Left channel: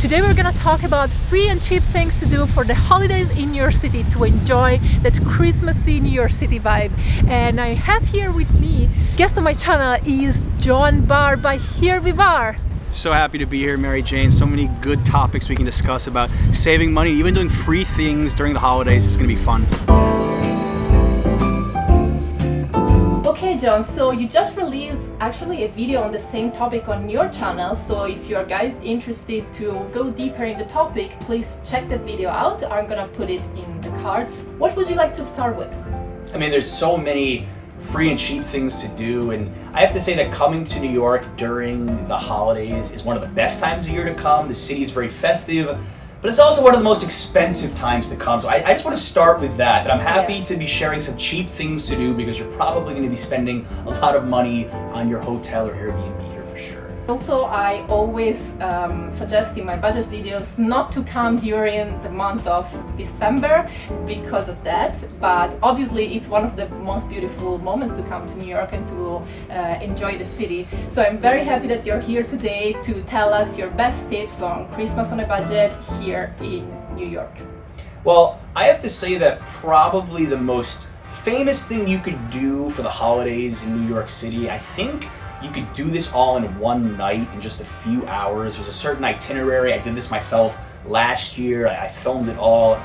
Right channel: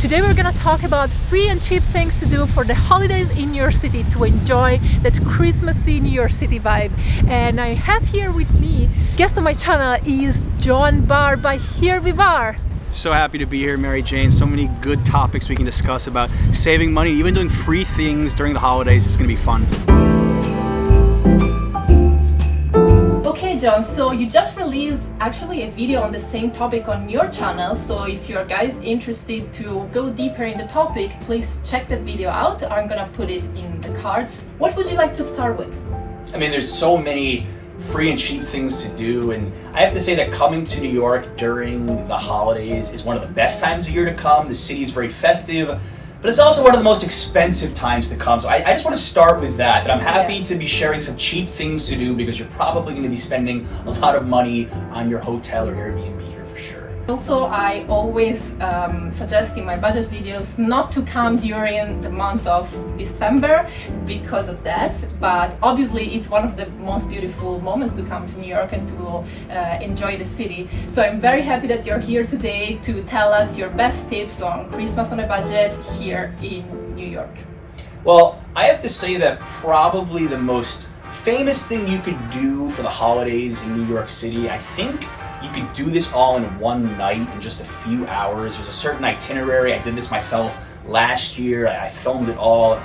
Today we're gonna talk about free and cheap things to do for the holidays in your city to enjoy that Christmassy New York City vibe. And I have here with me, guest on my channel is Jon Barr by Here We Are. So happy to be here, Mary Jane. So many good topics we can discuss about saving money, even doing free things during the holidays. It's gonna be fun. Okay, Jon, so you just released actually a video on the same topic on your channel. So if you're guys interested to go deeper in the topic, please check that video out. I'm gonna put it in the cards. What would you like to start with? I mean, there's so many free and cheap things to do, and I have to say that coming to New York during the holidays is one of the best times of year to come. The city is very festive, but it's also one of the most expensive times to come. So I just want to start with that I'm happy to be sharing some cheap things to do, because you're probably going to be spending a lot of money on your hotel or Airbnb here for sure. Also, I always suggest in my budget videos not to come during the month of December because of that, but obviously it's one of the most beautiful moments to come to New York and to enjoy the city. So I'm very happy that you're here today to tell us your best tips on Christmas on a budget here in New York. Well, I have to say that probably the most famous thing you could do for the holidays in New York City, I think you could do this all in one night in just a few hours. There's a certain itinerary. I did this myself last year. I filmed it all.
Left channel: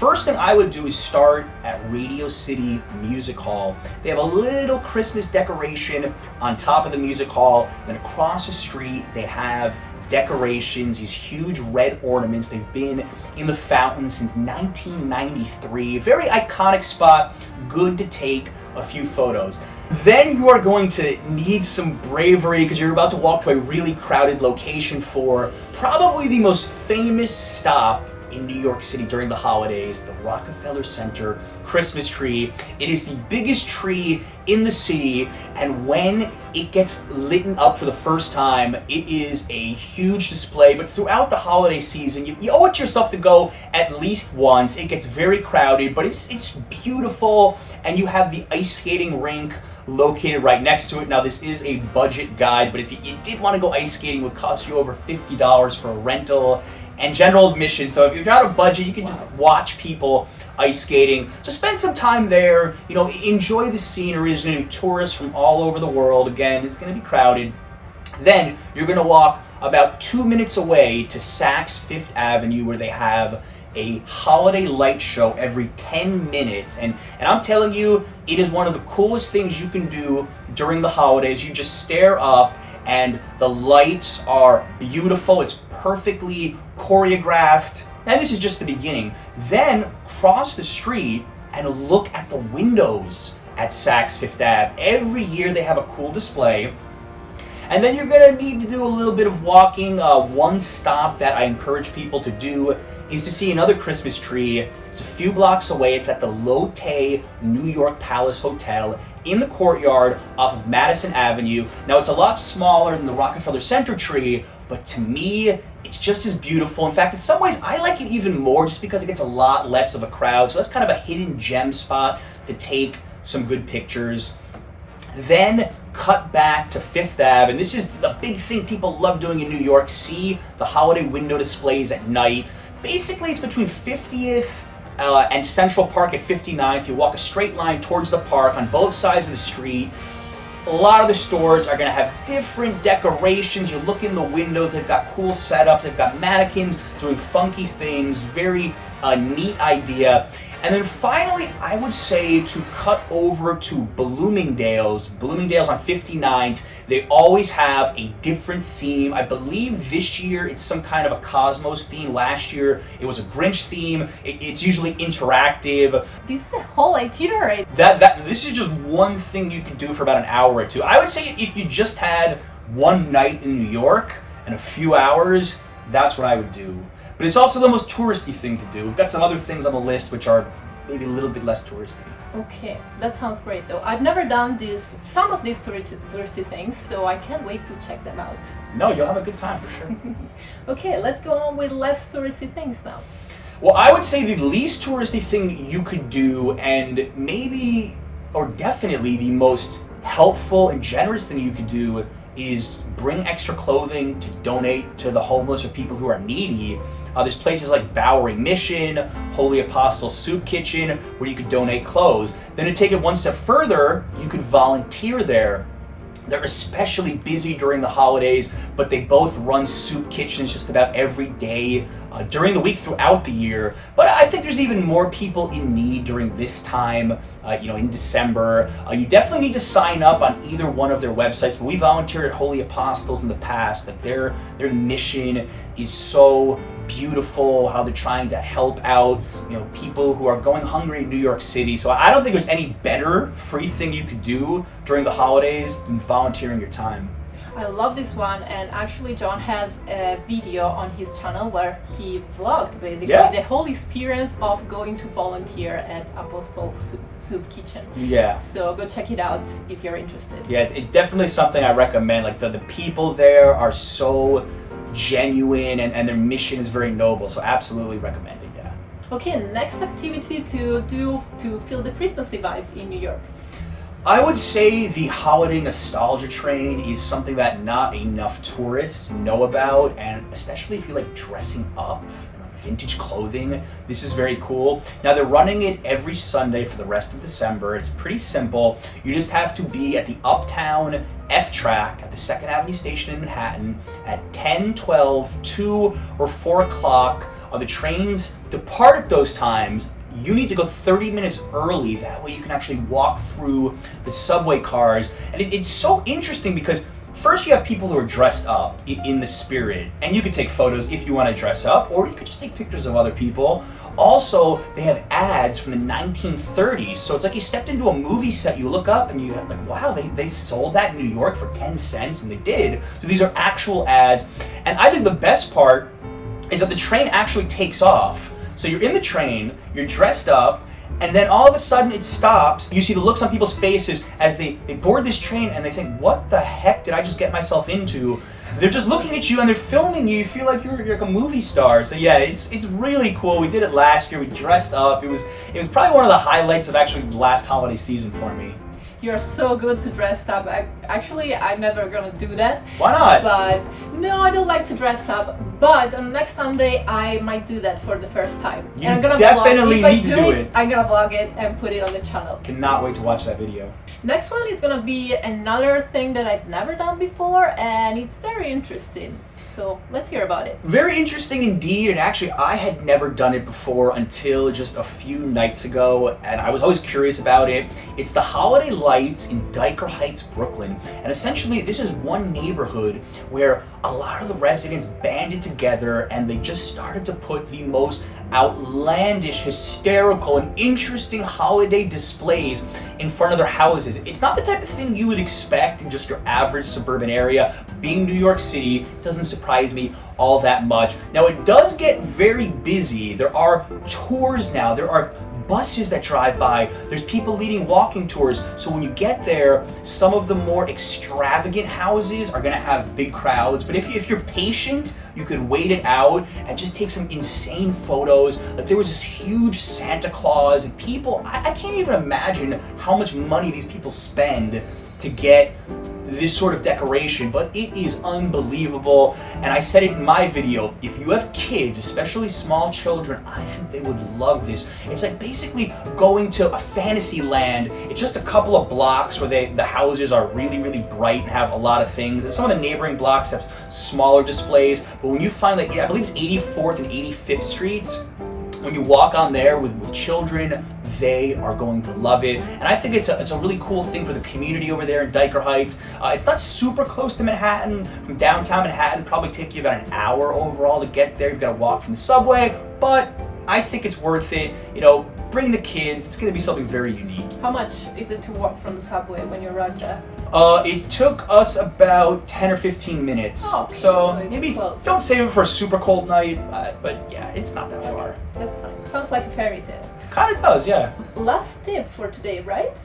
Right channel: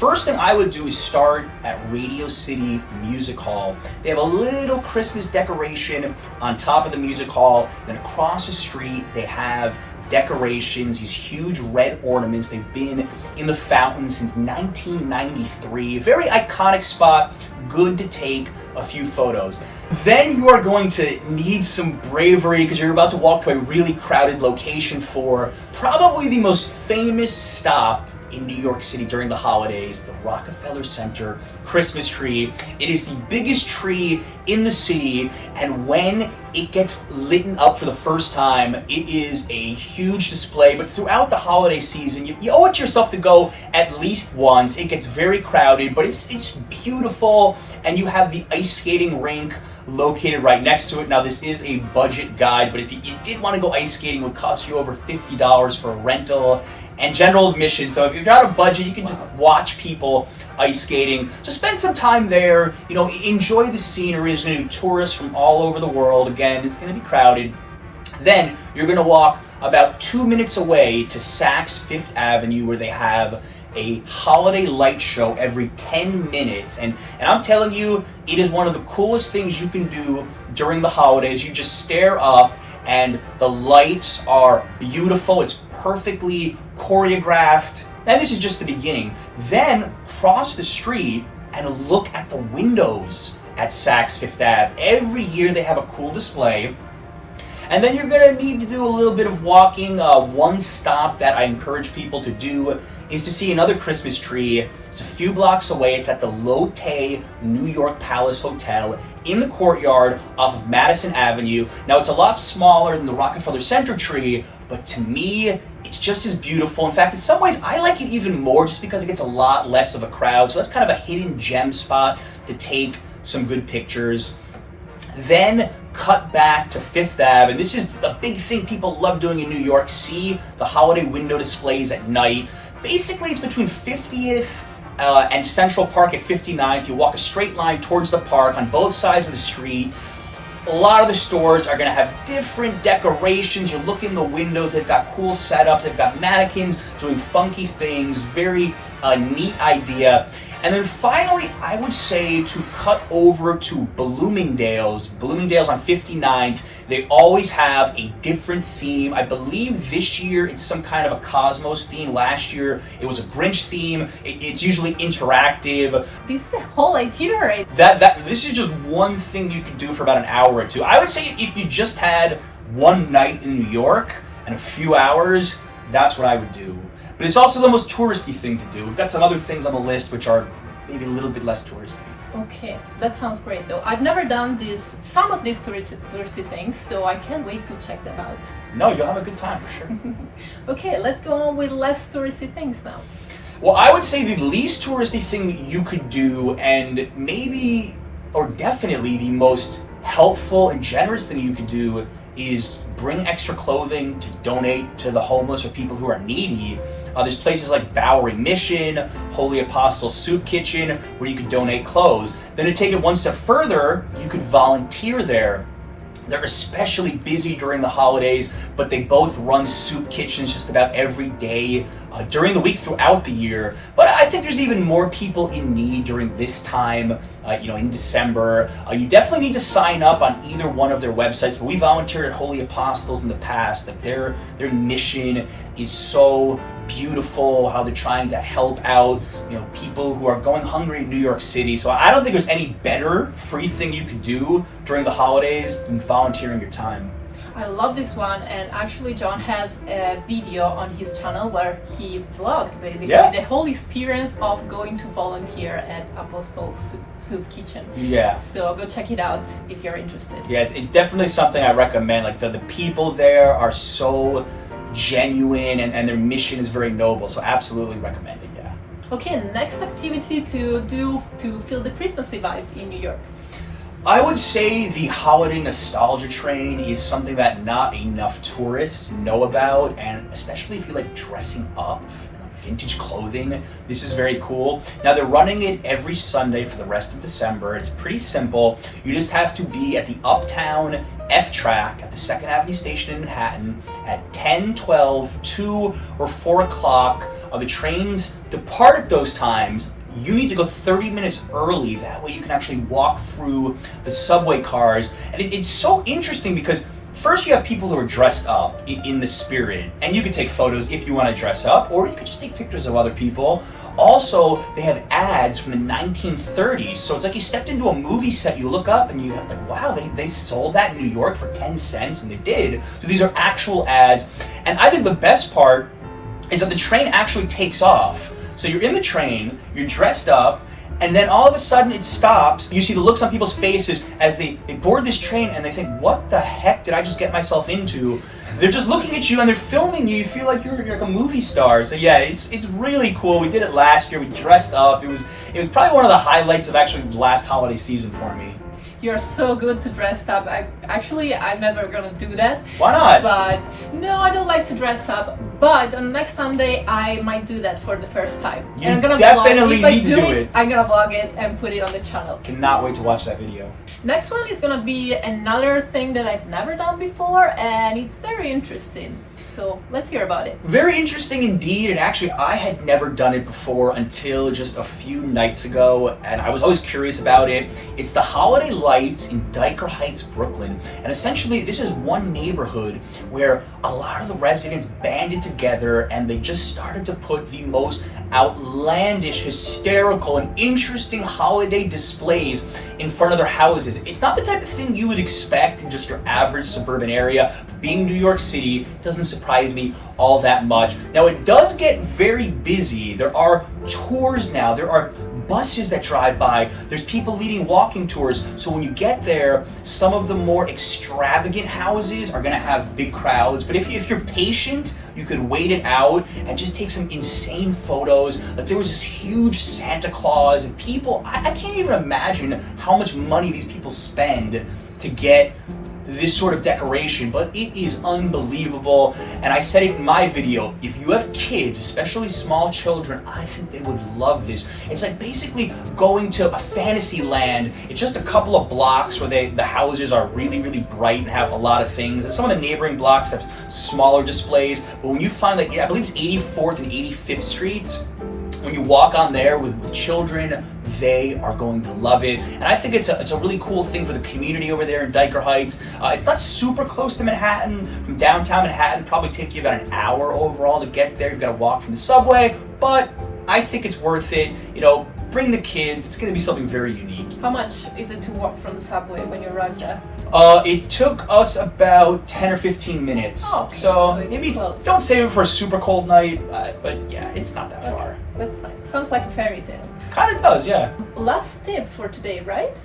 First thing I would do is start at Radio City Music Hall. They have a little Christmas decoration on top of the music hall. Then across the street, they have decorations, these huge red ornaments. They've been in the fountain since 1993. Very iconic spot, good to take a few photos. Then you are going to need some bravery, because you're about to walk to a really crowded location for probably the most famous stop in New York City during the holidays, the Rockefeller Center Christmas tree. It is the biggest tree in the city, and when it gets lit up for the first time, it is a huge display. But throughout the holiday season, you owe it to yourself to go at least once. It gets very crowded, but it's beautiful, and you have the ice skating rink located right next to it. Now, this is a budget guide, but if you did want to go ice skating, it would cost you over $50 for a rental and general admission. So if you're not a budget, you can just watch people ice skating. So spend some time there, enjoy the scenery. There's going to be tourists from all over the world. Again, it's going to be crowded. Then you're going to walk about 2 minutes away to Saks Fifth Avenue, where they have a holiday light show every 10 minutes. And I'm telling you, it is one of the coolest things you can do during the holidays. You just stare up, and the lights are beautiful. It's perfectly choreographed. And this is just the beginning. Then cross the street and look at the windows at Saks Fifth Ave. Every year they have a cool display. And then you're gonna need to do a little bit of walking. One stop that I encourage people to do is to see another Christmas tree. It's a few blocks away. It's at the Lotte New York Palace Hotel in the courtyard off of Madison Avenue. Now, it's a lot smaller than the Rockefeller Center tree, but to me, it's just as beautiful. In fact, in some ways, I like it even more just because it gets a lot less of a crowd. So that's kind of a hidden gem spot to take some good pictures. Then cut back to Fifth Ave, and this is the big thing people love doing in New York. See the holiday window displays at night. Basically, it's between 50th and Central Park at 59th. You walk a straight line towards the park on both sides of the street. A lot of the stores are going to have different decorations. You look in the windows, they've got cool setups, they've got mannequins doing funky things. Very neat idea. And then finally, I would say to cut over to Bloomingdale's on 59th. They always have a different theme. I believe this year it's some kind of a Cosmos theme. Last year it was a Grinch theme. It's usually interactive. This is a whole itinerary. This is just one thing you can do for about an hour or two. I would say if you just had one night in New York and a few hours, that's what I would do. But it's also the most touristy thing to do. We've got some other things on the list which are maybe a little bit less touristy. Okay, that sounds great though. I've never done some of these touristy things, so I can't wait to check them out. No, you'll have a good time for sure. Okay, let's go on with less touristy things now. Well, I would say the least touristy thing you could do, and maybe, or definitely the most helpful and generous thing you could do, is bring extra clothing to donate to the homeless or people who are needy. There's places like Bowery Mission, Holy Apostle Soup Kitchen, where you could donate clothes. Then to take it one step further, you could volunteer there. They're especially busy during the holidays, but they both run soup kitchens just about every day during the week throughout the year. But I think there's even more people in need during this time, in December. You definitely need to sign up on either one of their websites, but we volunteered at Holy Apostles in the past. Like their mission is so beautiful, how they're trying to help out people who are going hungry in New York City. So I don't think there's any better free thing you could do during the holidays than volunteering your time. I love this one, and actually Jon has a video on his channel where he vlogged basically the whole experience of going to volunteer at Apostle Soup Kitchen. Yeah. So go check it out if you're interested. Yeah, it's definitely something I recommend. Like the people there are so genuine and their mission is very noble, so absolutely recommend it. Yeah. Okay, next activity to do to feel the Christmassy vibe in New York. I would say the Holiday Nostalgia Train is something that not enough tourists know about, and especially if you like dressing up, vintage clothing, this is very cool. Now they're running it every Sunday for the rest of December. It's pretty simple. You just have to be at the Uptown F track at the 2nd Avenue station in Manhattan at 10, 12, 2, or 4 o'clock. The trains depart at those times. You need to go 30 minutes early. That way you can actually walk through the subway cars. And it's so interesting because first you have people who are dressed up in the spirit, and you can take photos if you want to dress up, or you could just take pictures of other people. Also, they have ads from the 1930s, so it's like you stepped into a movie set. You look up and you have like, wow, they sold that in New York for 10 cents, and they did. So these are actual ads. And I think the best part is that the train actually takes off. So you're in the train, you're dressed up, and then all of a sudden it stops. You see the looks on people's faces as they board this train and they think, what the heck did I just get myself into? They're just looking at you and they're filming you. You feel like you're like a movie star. So yeah, it's really cool. We did it last year. We dressed up. It was probably one of the highlights of actually the last holiday season for me. You're so good to dress up. I'm never gonna do that. Why not? But no, I don't like to dress up. But on next Sunday, I might do that for the first time. You and I'm gonna definitely vlog. need to do it. I'm gonna vlog it and put it on the channel. Cannot wait to watch that video. Next one is gonna be another thing that I've never done before, and it's very interesting. So let's hear about it. Very interesting indeed, and actually I had never done it before until just a few nights ago, and I was always curious about it. It's the holiday lights in Dyker Heights, Brooklyn, and essentially this is one neighborhood where a lot of the residents banded together and they just started to put the most outlandish, hysterical, and interesting holiday displays in front of their houses. It's not the type of thing you would expect in just your average suburban area. Being New York City doesn't surprise me all that much. Now it does get very busy. There are tours now. There are buses that drive by. There's people leading walking tours. So when you get there, some of the more extravagant houses are gonna have big crowds. But if you're patient, you could wait it out and just take some insane photos. Like there was this huge Santa Claus and people, I can't even imagine how much money these people spend to get this sort of decoration, but it is unbelievable. And I said it in my video, if you have kids, especially small children, I think they would love this. It's like basically going to a fantasy land. It's just a couple of blocks where the houses are really, really bright and have a lot of things. And some of the neighboring blocks have smaller displays. But when you find like, I believe it's 84th and 85th Streets, when you walk on there with children, they are going to love it. And I think it's a really cool thing for the community over there in Dyker Heights. It's not super close to Manhattan. From downtown Manhattan, probably take you about an hour overall to get there. You've got to walk from the subway, but I think it's worth it. Bring the kids. It's going to be something very unique. How much is it to walk from the subway when you arrive there? It took us about 10 or 15 minutes. Oh, okay, so it's maybe close. Don't save it for a super cold night, but yeah, it's not that far. That's fine. Sounds like a fairy tale. Kind of does, yeah. Last tip for today, right?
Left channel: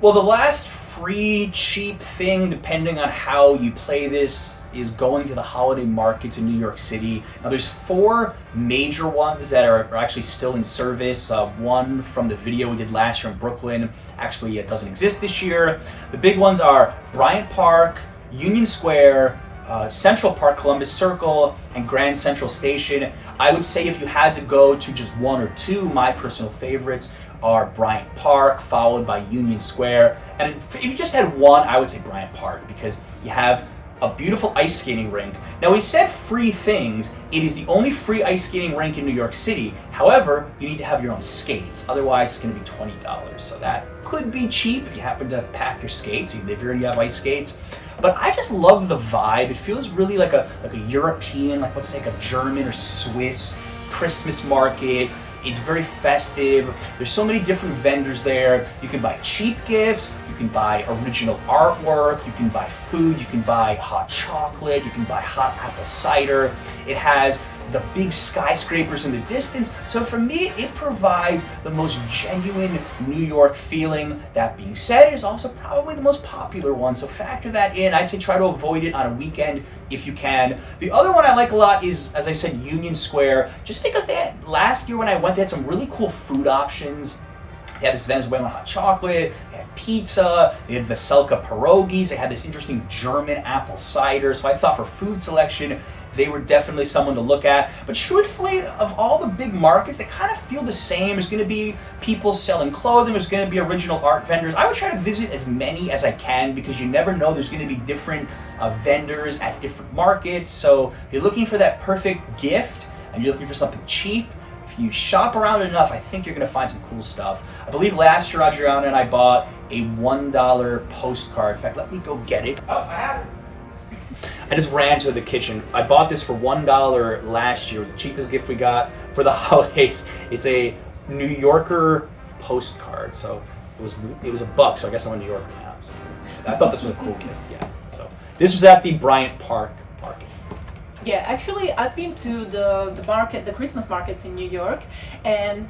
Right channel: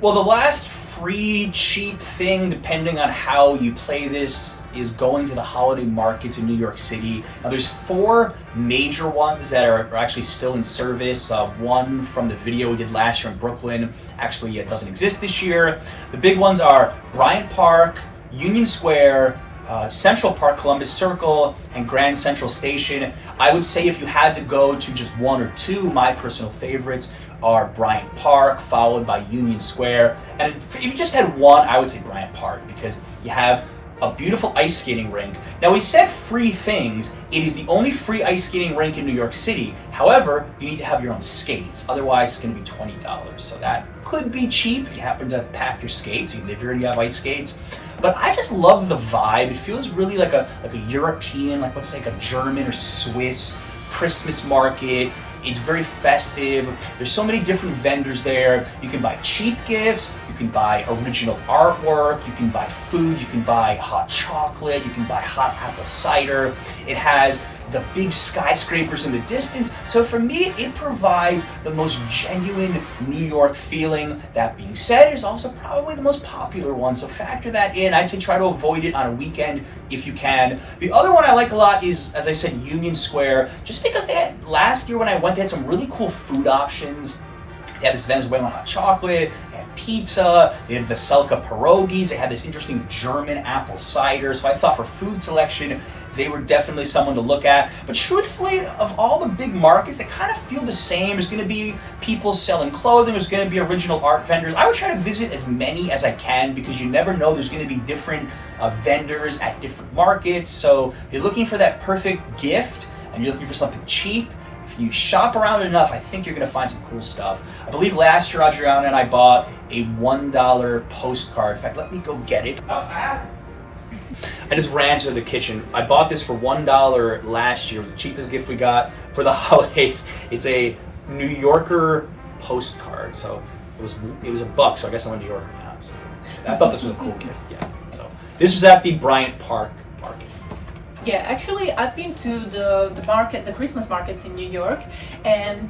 Well, the last free, cheap thing, depending on how you play this, is going to the holiday markets in New York City. Now, there's 4 major ones that are actually still in service. One from the video we did last year in Brooklyn. Actually, it doesn't exist this year. The big ones are Bryant Park, Union Square, Central Park, Columbus Circle, and Grand Central Station. I would say if you had to go to just one or two, my personal favorites are Bryant Park, followed by Union Square. And if you just had one, I would say Bryant Park, because you have a beautiful ice skating rink. Now, we said free things. It is the only free ice skating rink in New York City. However, you need to have your own skates. Otherwise, it's going to be $20. So that could be cheap if you happen to pack your skates, if you already have ice skates. But I just love the vibe. It feels really like a European, like let's say like a German or Swiss Christmas market. It's very festive. There's so many different vendors there. You can buy cheap gifts, you can buy original artwork, you can buy food, you can buy hot chocolate, you can buy hot apple cider. It has the big skyscrapers in the distance. So for me, it provides the most genuine New York feeling. That being said, it's also probably the most popular one. So factor that in. I'd say try to avoid it on a weekend if you can. The other one I like a lot is, as I said, Union Square, just because they had, last year when I went, they had some really cool food options. They had this Venezuelan hot chocolate, they had pizza, they had Veselka pierogies, they had this interesting German apple cider. So I thought for food selection, they were definitely someone to look at. But truthfully, of all the big markets, they kind of feel the same. There's going to be people selling clothing, there's going to be original art vendors. I would try to visit as many as I can, because you never know, there's going to be different vendors at different markets. So if you're looking for that perfect gift and you're looking for something cheap, if you shop around enough, I think you're going to find some cool stuff. I believe last year, Adriana and I bought a $1 postcard. In fact, let me go get it. I just ran to the kitchen. I bought this for $1 last year. It was the cheapest gift we got for the holidays. It's a New Yorker postcard. So it was $1, so I guess I'm a New Yorker now. So I thought this was a cool gift, yeah. So this was at the Bryant Park market. Yeah, actually, I've been to the market, the Christmas markets in New York, and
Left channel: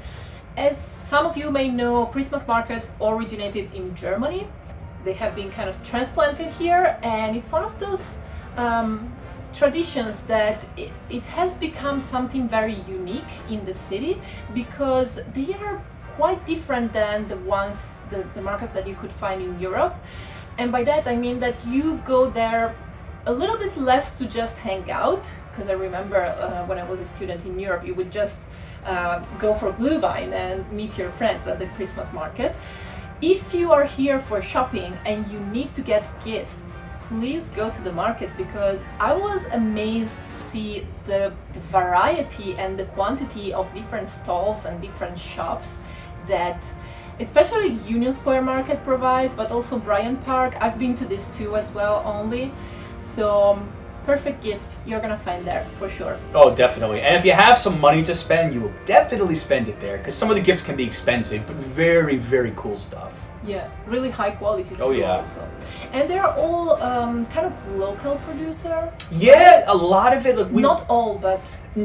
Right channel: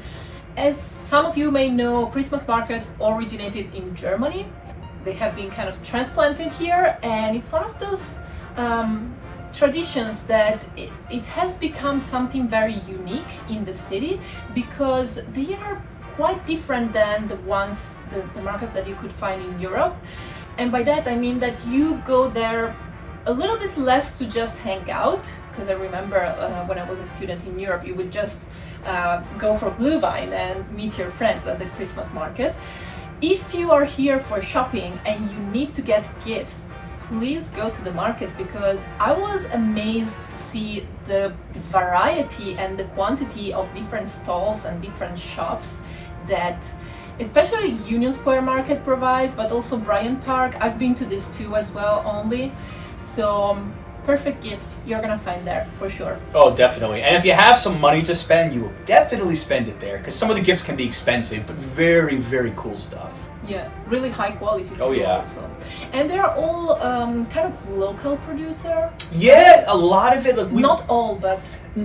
as some of you may know, Christmas markets originated in Germany. They have been kind of transplanted here, and it's one of those traditions that it has become something very unique in the city, because they are quite different than the markets that you could find in Europe. And by that I mean that you go there a little bit less to just hang out, because I remember when I was a student in Europe, you would just go for Glühwein and meet your friends at the Christmas market. If you are here for shopping and you need to get gifts, please go to the markets, because I was amazed to see the variety and the quantity of different stalls and different shops that especially Union Square Market provides, but also Bryant Park. I've been to this too as well only. So perfect gift you're gonna find there for sure. Oh, definitely. And if you have some money to spend, you will definitely spend it there, because some of the gifts can be expensive, but very, very cool stuff. Yeah, really high quality too. Oh yeah. Also. And they're all kind of local producer. Yeah, a lot of it. Look, not all, but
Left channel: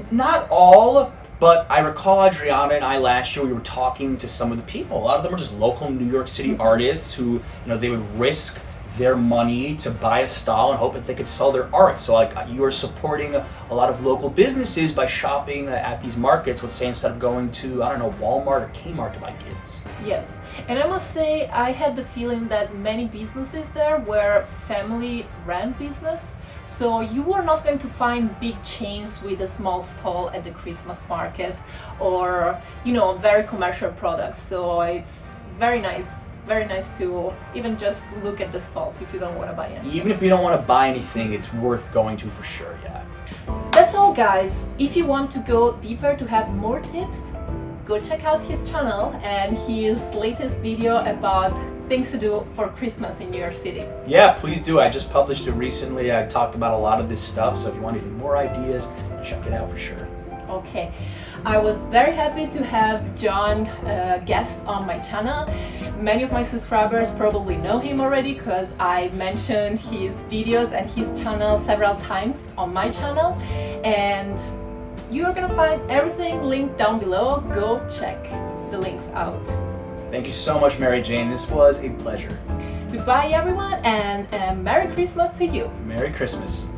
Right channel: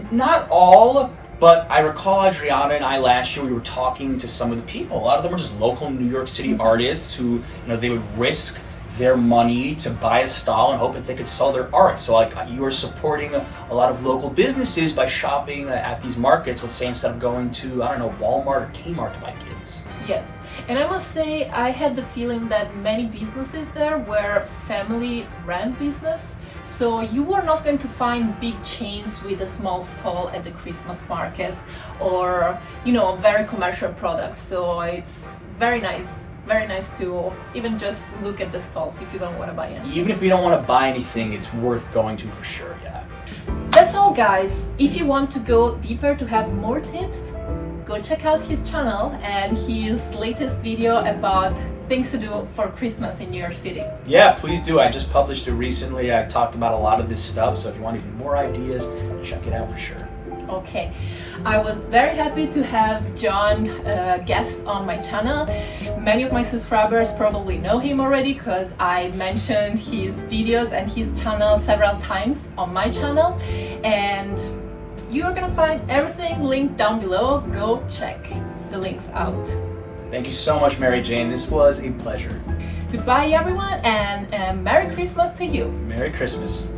not all. But I recall Adriana and I last year, we were talking to some of the people. A lot of them were just local New York City artists who, they would risk their money to buy a stall and hope that they could sell their art. So like you are supporting a lot of local businesses by shopping at these markets, let's say, instead of going to, I don't know, Walmart or Kmart to buy kids. Yes, and I must say I had the feeling that many businesses there were family-run business. So you are not going to find big chains with a small stall at the Christmas market, or very commercial products. So it's very nice to even just look at the stalls if you don't want to buy anything. Even if you don't want to buy anything, it's worth going to for sure, yeah. That's all, guys. If you want to go deeper to have more tips, go check out his channel and his latest video about things to do for Christmas in New York City. Yeah, please do. I just published it recently. I talked about a lot of this stuff, so if you want even more ideas, check it out for sure. Okay, I was very happy to have Jon guest on my channel. Many of my subscribers probably know him already, because I mentioned his videos and his channel several times on my channel, and you are gonna find everything linked down below. Go check the links out. Thank you so much, Mary Jane. This was a pleasure. Goodbye, everyone, and Merry Christmas to you. Merry Christmas.